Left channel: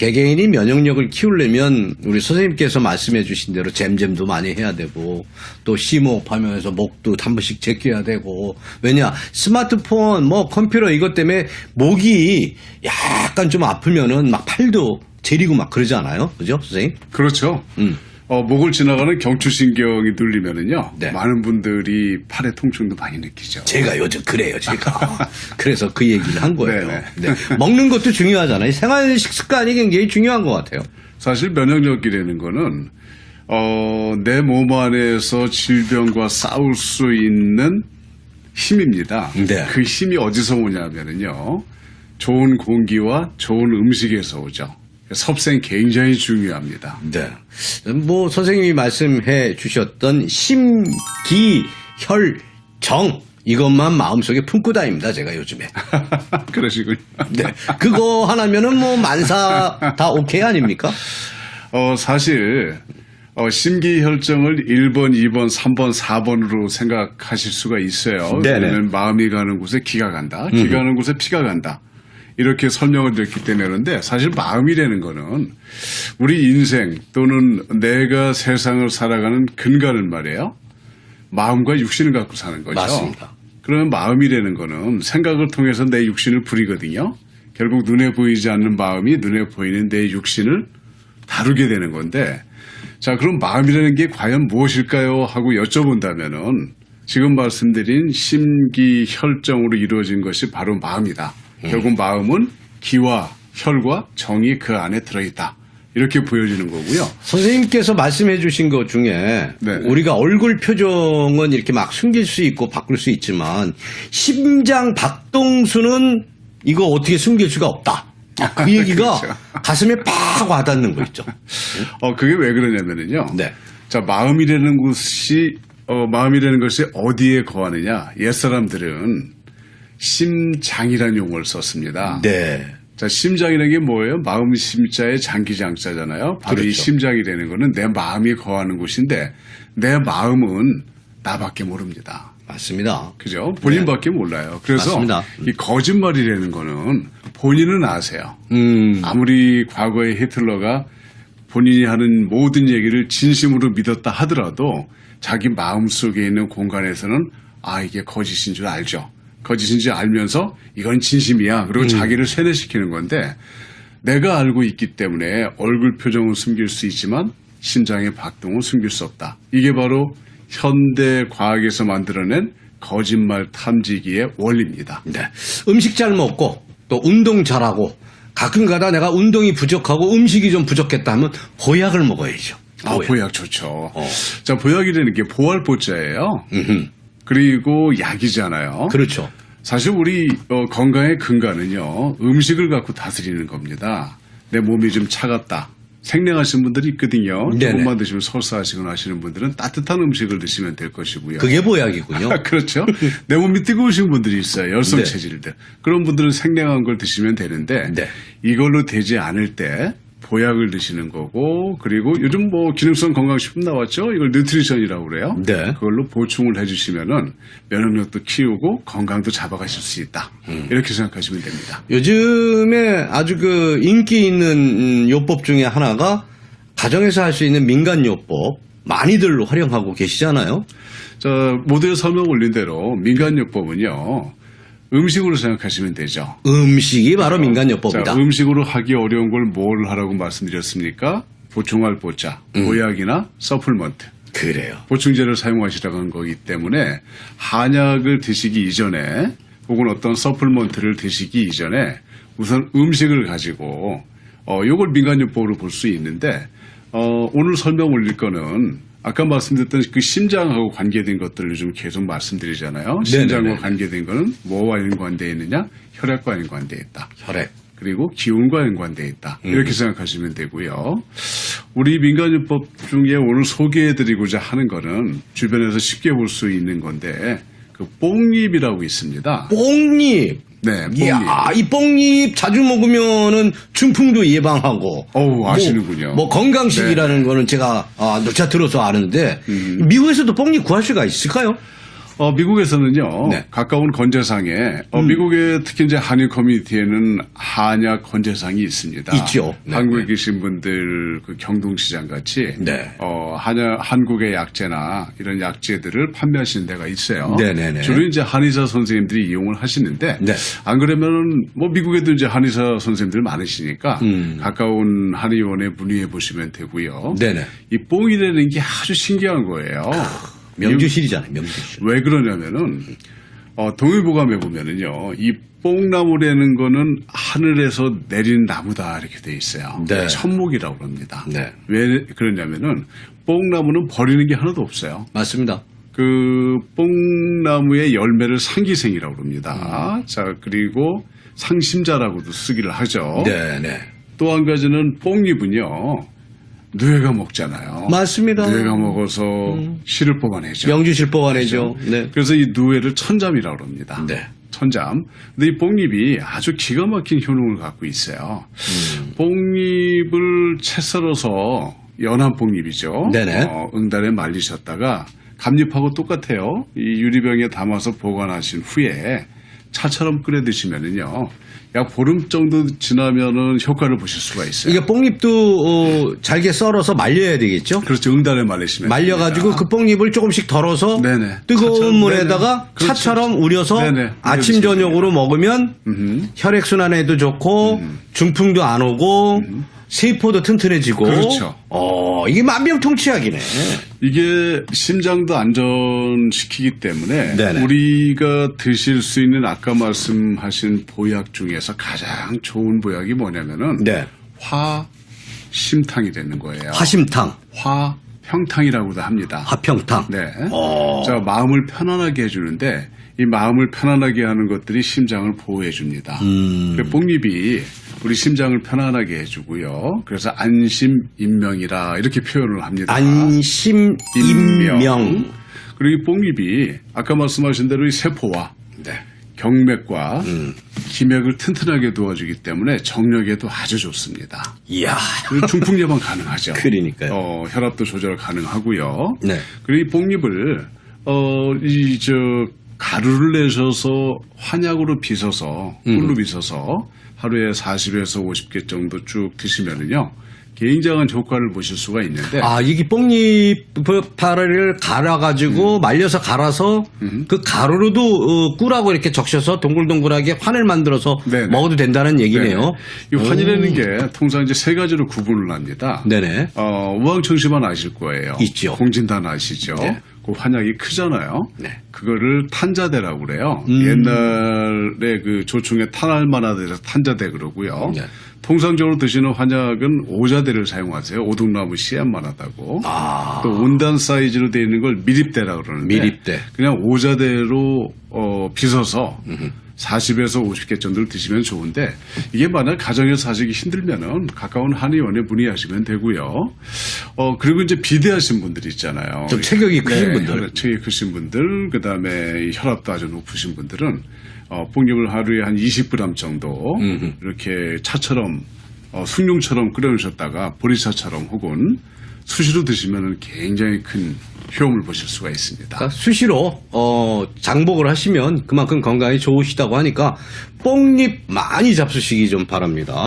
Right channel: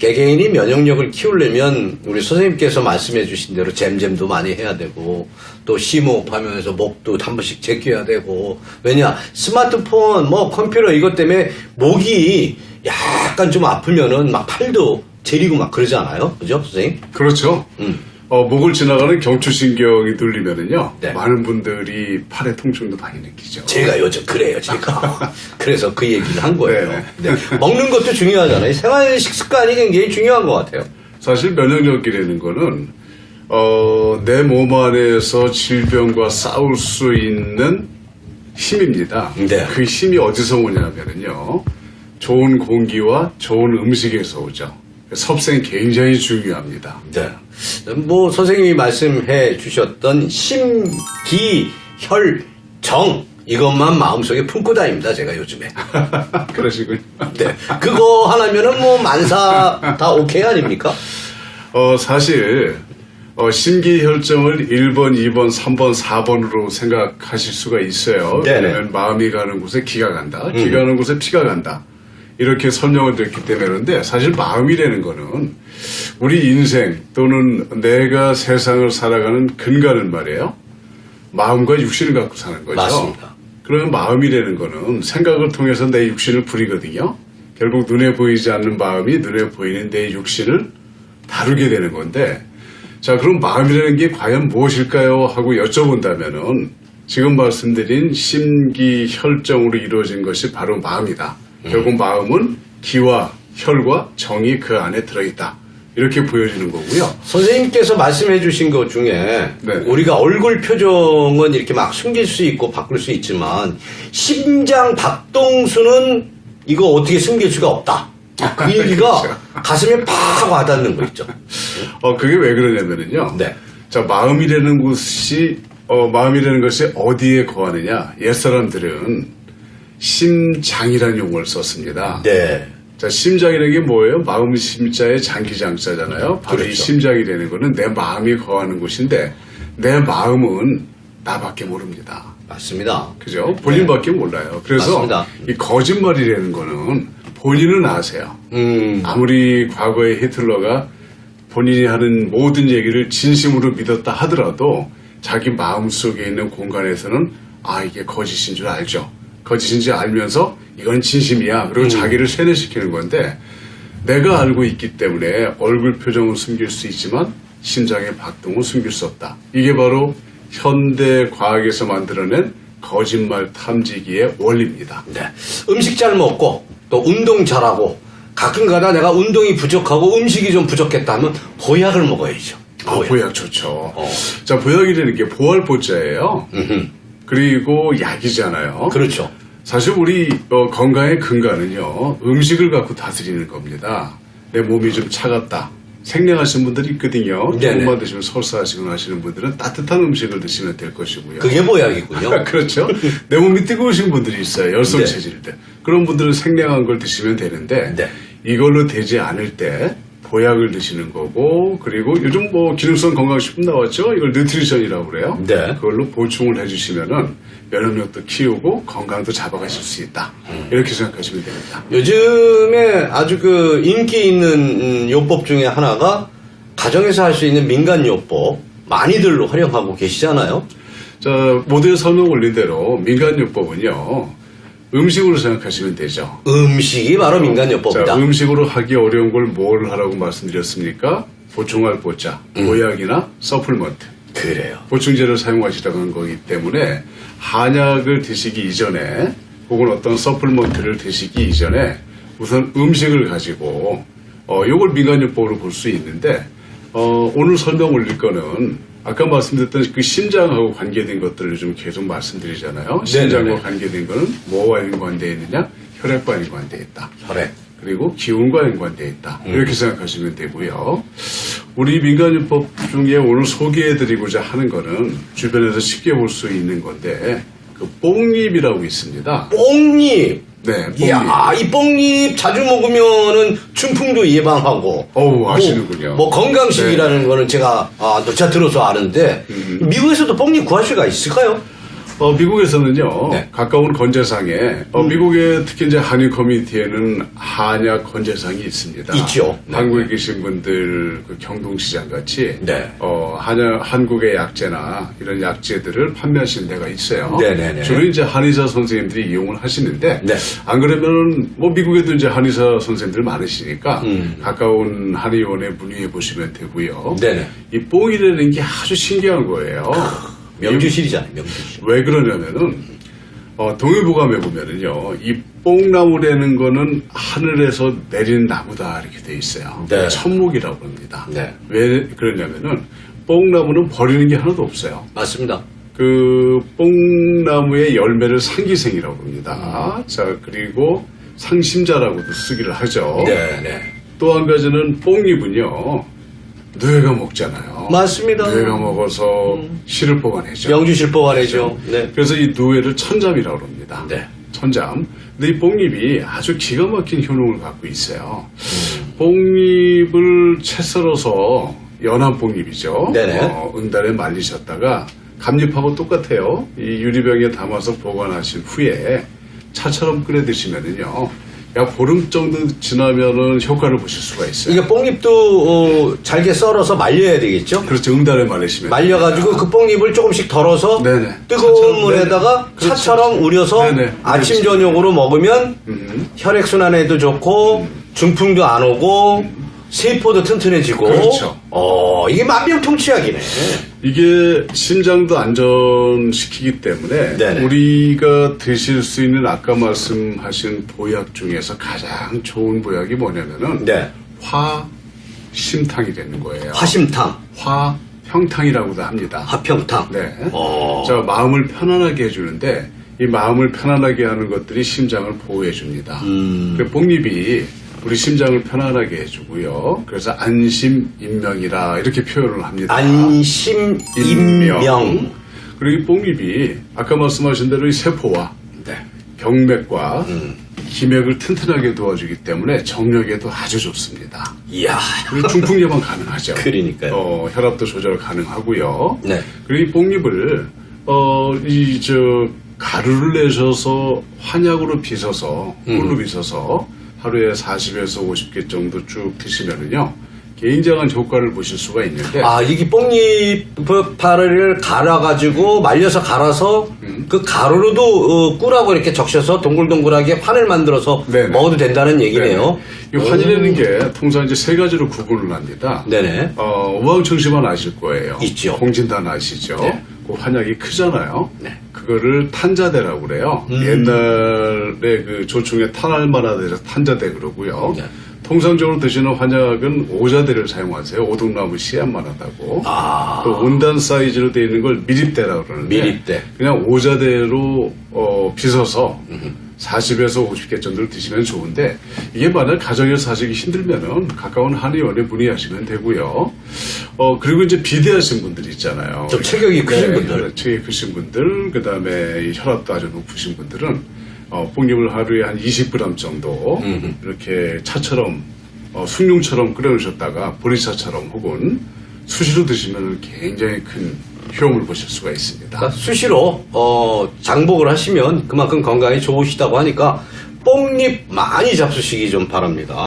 개개인이 면역력을 키우려면 우리 선생님께서 말씀해 주신 대로 잼잼도 많이 해야 되고 또 심호흡 하면서 목도 한 번씩 제껴야 되고 왜냐 스마트폰 뭐 컴퓨터 이것 때문에 목이 약간 좀 아프면은 막 팔도 제리고 막 그러잖아요 그죠 선생님? 그렇죠. 음. 어, 목을 지나가는 경추신경이 눌리면은요. 네. 많은 분들이 팔의 통증도 많이 느끼죠. 제가 요즘 그래요, 제가. 그래서 그 얘기를 한 거예요. 네네. 네. 먹는 것도 중요하잖아요. 생활 식습관이 굉장히 중요한 것 같아요. 사실 면역력이라는 거는 어, 내 몸 안에서 질병과 싸울 수 있는 힘입니다. 네. 그 힘이 어디서 오냐면은요. 좋은 공기와 좋은 음식에서 오죠. 섭생 굉장히 중요합니다. 네. 뭐, 선생님이 말씀해 주셨던 심기혈정. 이것만 마음속에 품고 다닙니다, 제가 요즘에. 그러시군요. 네. 그거 하나면은 뭐 만사 다 오케이 아닙니까? 어, 사실, 어, 심기혈정을 1번, 2번, 3번, 4번으로 생각하실 수가 있어요. 네네. 음. 왜냐면 마음이 가는 곳에 기가 간다. 기가 가는 곳에 피가 간다. 이렇게 설명을 드렸기 때문에 그런데 사실 마음이라는 거는 우리 인생 또는 내가 세상을 살아가는 근간은 말이에요. 마음과 육신을 갖고 사는 거죠. 맞습니다. 그러면 마음이라는 거는 생각을 통해서 내 육신을 부리거든요. 결국 눈에 보이지 않는 마음이 눈에 보이는 내 육신을 다루게 되는 건데, 자, 그럼 마음이라는 게 과연 무엇일까요? 하고 여쭤본다면은 지금 말씀드린 심기혈정으로 이루어진 것이 바로 마음이다. 결국 마음은 기와 혈과 정이 그 안에 들어있다. 이렇게 보여지는 거고요. 선생님께서 말씀해 주신 것 중에 네. 우리가 얼굴 표정은 이렇게 막 숨길 수 있고 바꿀 수 있지만 심장 박동수는 이거 어떻게 숨길 수가 없다. 그 얘기가 그렇죠. 가슴에 팍 와닿는 거 있죠. 어, 그게 왜 그러냐면은요. 네. 자, 마음이라는 곳이, 어, 마음이라는 것이 어디에 거하느냐. 옛사람들은 심장이라는 용어를 썼습니다. 네. 자, 심장이라는 게 뭐예요? 마음 심자에 장기 장자잖아요. 바로 이 그렇죠. 심장이라는 거는 내 마음이 거하는 곳인데, 내 마음은 나밖에 모릅니다. 맞습니다. 그죠? 본인밖에 몰라요. 그래서 네. 맞습니다. 이 거짓말이라는 거는 본인은 아세요. 음, 아무리 과거에 히틀러가 본인이 하는 모든 얘기를 진심으로 믿었다 하더라도 자기 마음 속에 있는 공간에서는 아 이게 거짓인 줄 알죠. 거짓인지 알면서 이건 진심이야. 그리고 자기를 세뇌시키는 건데 내가 알고 있기 때문에 얼굴 표정은 숨길 수 있지만 심장의 박동은 숨길 수 없다. 이게 바로 현대 과학에서 만들어낸 거짓말 탐지기의 원리입니다. 네. 음식 잘 먹고 또 운동 잘하고 가끔 가다 내가 운동이 부족하고 음식이 좀 부족했다 하면 보약을 먹어야죠. 아, 보약 좋죠. 어. 자, 보약이라는 게 보활보자예요. 그리고 약이잖아요. 그렇죠. 사실 우리 어, 건강의 근간은요, 음식을 갖고 다스리는 겁니다. 내 몸이 좀 차갑다. 생량하신 분들이 있거든요. 네네. 조금만 드시면 설사하시거나 하시는 분들은 따뜻한 음식을 드시면 될 것이고요. 그게 보약이군요. 그렇죠. 내 몸이 뜨거우신 분들이 있어요. 열성 네. 체질들. 그런 분들은 생량한 걸 드시면 되는데 네. 이걸로 되지 않을 때 보약을 드시는 거고 그리고 요즘 뭐 기능성 건강식품 나왔죠. 이걸 뉴트리션이라고 그래요. 네. 그걸로 보충을 해주시면은 면역력도 키우고 건강도 잡아가실 수 있다. 음. 이렇게 생각하시면 됩니다. 요즘에 아주 그 인기 있는 음, 요법 중에 하나가 가정에서 할 수 있는 민간 요법 많이들 활용하고 계시잖아요. 자 모두의 설명 올린 대로 민간요법은요 음식으로 생각하시면 되죠. 음식이 바로 민간 자, 요법이다. 음식으로 하기 어려운 걸 뭘 하라고 말씀드렸습니까? 보충할 보자, 음. 보약이나 서플먼트, 그래요. 보충제를 사용하시라고 한 거기 때문에 한약을 드시기 이전에 혹은 어떤 서플먼트를 드시기 이전에 우선 음식을 가지고 어 요걸 민간요법으로 볼 수 있는데 어 오늘 설명 올릴 거는 아까 말씀드렸던 그 심장하고 관계된 것들을 좀 계속 말씀드리잖아요. 심장과. 관계된 거는 뭐와 연관되어 있느냐? 혈액과 연관되어 있다. 혈액. 그리고 기운과 연관되어 있다. 음. 이렇게 생각하시면 되고요. 우리 민간요법 중에 오늘 소개해드리고자 하는 거는 주변에서 쉽게 볼 수 있는 건데 그 뽕잎이라고 있습니다. 뽕잎. 네, 뽕잎. 이야, 이 뽕잎 자주 먹으면은 중풍도 예방하고. 어우, 아시는군요. 네. 뭐, 뭐 건강식이라는 거는 제가 아, 누차 들어서 아는데 음. 미국에서도 뽕잎 구할 수가 있을까요? 어, 미국에서는요, 네. 가까운 건재상에, 어, 미국의 특히 이제 한인 커뮤니티에는 한약 건재상이 있습니다. 있죠. 네, 한국에 계신 분들, 그 경동시장 같이, 네. 어, 한약, 한국의 약재나 이런 약재들을 판매하시는 데가 있어요. 네네네. 주로 이제 한의사 선생님들이 이용을 하시는데, 네. 안 그러면은, 뭐, 미국에도 이제 한의사 선생님들 많으시니까, 음. 가까운 한의원에 문의해 보시면 되고요. 네네. 이 뽕이라는 게 아주 신기한 거예요. 명주실이잖아요, 명주실. 왜 그러냐면은 어, 동해보감에 보면은요 이 뽕나무라는 거는 하늘에서 내리는 나무다 이렇게 돼 있어요. 네. 천목이라고 합니다. 네. 왜 그러냐면은 뽕나무는 버리는 게 하나도 없어요. 맞습니다. 그 뽕나무의 열매를 상기생이라고 합니다. 자 그리고 상심자라고도 쓰기를 하죠. 네, 네. 또 한 가지는 뽕잎은요 뇌가 먹잖아요. 맞습니다. 뇌가 먹어서 씨를 뽑아내죠. 명주실 뽑아내죠. 네. 그래서 이 누에를 천잠이라고 합니다. 네. 천잠. 근데 이 뽕잎이 아주 기가 막힌 효능을 갖고 있어요. 뽕잎을 채 썰어서 연한 뽕잎이죠. 네네. 어, 응달에 말리셨다가 감잎하고 똑같아요. 이 유리병에 담아서 보관하신 후에 차처럼 끓여 드시면은요. 약 보름 정도 지나면은 효과를 보실 수가 있어요. 이게 뽕잎도 어, 잘게 썰어서 말려야 되겠죠? 그렇죠. 응달에 말리시면. 말려가지고 그 뽕잎을 조금씩 덜어서 네네. 뜨거운 차처럼, 물에다가 네네. 그렇죠, 차처럼. 우려서 네네. 아침. 저녁으로 먹으면 음. 혈액순환에도 좋고 중풍도 안 오고 세포도 튼튼해지고 그렇죠. 어 이게 만병통치약이네. 이게 심장도 안전시키기 때문에 네네. 우리가 드실 수 있는 아까 말씀하신 보약 중에서 가장 좋은 보약이 뭐냐면은 네. 화심탕이 되는 거예요. 화심탕, 화 평탕이라고도 합니다. 화평탕. 네. 어. 자 마음을 편안하게 해주는데 이 마음을 편안하게 하는 것들이 심장을 보호해 줍니다. 음. 그 뽕잎이 우리 심장을 편안하게 해주고요. 그래서 안심인명이라 이렇게 표현을 합니다. 안심 인명. 그리고 이 뽕잎이 아까 말씀하신 대로 이 세포와 네. 경맥과 음. 기맥을 튼튼하게 도와주기 때문에 정력에도 아주 좋습니다. 이야. 그리고 중풍 예방 가능하죠. 그러니까요. 어, 혈압도 조절 가능하고요. 네. 그리고 이 뽕잎을 어, 이 저 가루를 내셔서 환약으로 빚어서 음. 꿀로 빚어서 하루에 40에서 50개 정도 쭉 드시면은요. 굉장한 효과를 보실 수가 있는데 아, 이게 뽕잎파를 갈아가지고 말려서 갈아서 음. 그 가루로도 어, 꿀하고 이렇게 적셔서 동글동글하게 환을 만들어서 네네. 먹어도 된다는 얘기네요. 이 환이라는 게 통상 이제 세 가지로 구분을 합니다. 네네. 어, 우황청심환 아실 거예요. 있죠. 공진단 아시죠? 네. 그 환약이 크잖아요. 네. 그거를 탄자대라고 그래요. 음. 옛날에 그 조충에 탄알마나 돼서 탄자대 그러고요. 네. 통상적으로 드시는 환약은 오자대를 사용하세요. 오동나무 씨앗만 하다고. 아. 또 온단 사이즈로 되어 있는 걸 미립대라고 그러는데 미립대. 그냥 오자대로 어, 빚어서 40에서 50개 정도를 드시면 좋은데 이게 만약 가정에서 하시기 힘들면은 가까운 한의원에 문의하시면 되고요. 어 그리고 이제 비대하신 분들 있잖아요. 좀 체격이 크신 네, 분들. 혈압 체격이 크신 분들, 그다음에 혈압도 아주 높으신 분들은 어, 뽕잎을 하루에 한 20g 정도 음흠. 이렇게 차처럼 어, 숭늉처럼 끓여놓으셨다가 보리차처럼 혹은 수시로 드시면 굉장히 큰 효험을 보실 수가 있습니다. 그러니까 수시로 어, 장복을 하시면 그만큼 건강에 좋으시다고 하니까 뽕잎 많이 잡수시기 좀 바랍니다.